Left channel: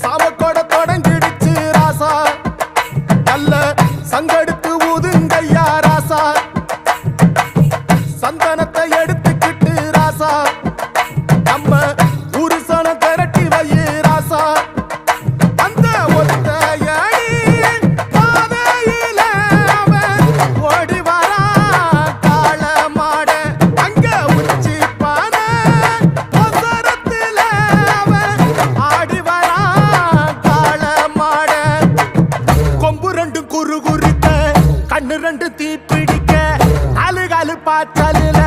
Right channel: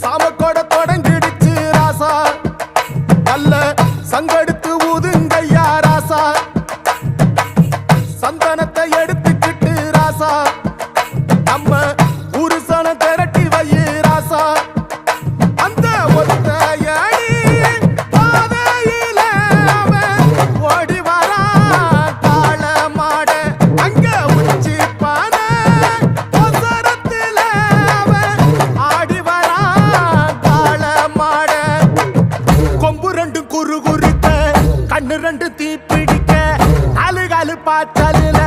சாமக்கோட தொடங்கிடுச்சு ராசா, நல்ல சங்கெடுத்து ஊதுங்கய்யா ராசா, சந்தனத்தை எடுத்துக்கிட்டு ராசா, நம்ம உருசன திரட்டி வையே ராசா. அந்த ஒத்தையடி பாதையில அவன் ஓடி வரா காள மாட, அங்க உச்சி பானை ஒசரத்துல அவன் ஆடி வரா காள மாட. கொம்பு ரெண்டு குறு குறுக்க, கண்ணு ரெண்டு தீப்பிடிக்க, அழுகாலு பாச்சலில